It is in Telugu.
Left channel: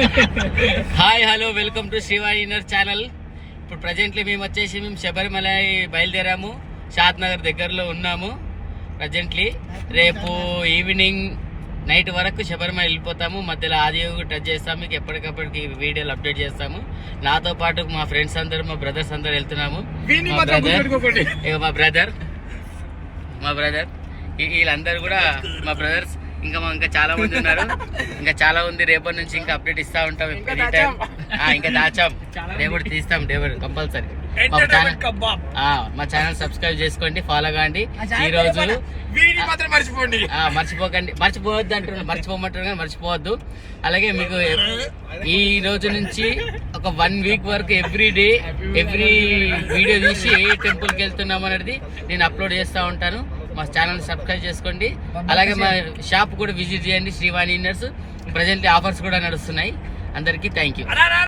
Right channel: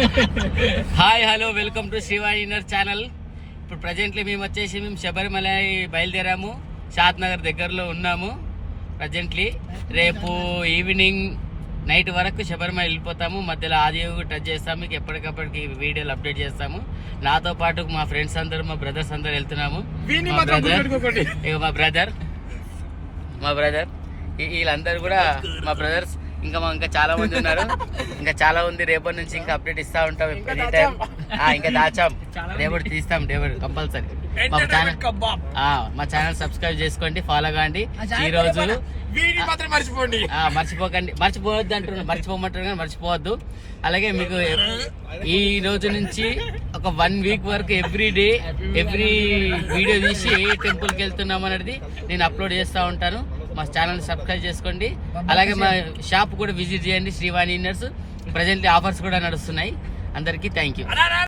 Hi hello welcome to Srivani inner channel. ఇప్పుడు ప్రజెంట్లీ మేము శబరిమల బయలుదేరాము. షాద్ నగర్ దగ్గరలో ఉన్నాము ప్రజెంట్లీ. రేపు ఈవినింగ్ నైట్ వరకు శబరిమల వెళ్ళిపోతాము. మధ్యలో ఆదియోగి టచ్ చేస్తాము. మీకు ఎప్పటికప్పటికి వీడియోలు అప్డేట్ చేస్తాము. నాతో పాటు మా ఫ్రెండ్స్ అందరూ, మా బ్రదర్స్ అందరూ వెళ్తున్నాము. మా బ్రదర్ వీళ్ళందరూ కూడా మా బ్రదర్స్. ఇంకా చాలా మంది ఉన్నారు. ఇంకా చాలా ఉంది. రేపటి నుంచి ఇంకా అప్డేట్ ఇస్తా ఉంటాం. ఎనీ టైం ఇంకా దాచాం. రేపటి తీస్తాం. రేపటి కంపల్సరీ. మా ఛానల్ సబ్స్క్రైబ్ చేసుకోండి, ఫాలో కాండి. ఈ రోజు మర్చిపోకండి. మర్చిపోవద్దు అంటున్నారు, మర్చిపోమంటారు కానీ మర్చిపోవద్దు. అలాగే మీకు ఈ రోజు నుంచి ఒక 1 వీక్ వరకు ఎవ్రీ వీడియో తీసి ఏ టెంపుల్కి వెళ్తున్నాం అనేది నేను అప్లోడ్ చేస్తూ ఉంటాను. మా ఛానల్ సబ్స్క్రైబ్ చేసుకోండి. అలాగే మా షాప్ కూడా విజిట్ చేయండి, శ్రీవాణి ఇన్నర్స్. ప్రజెంట్లీ ఆఫర్స్ కూడా నడుస్తున్నాయి. అందరికీ థ్యాంక్ యూ.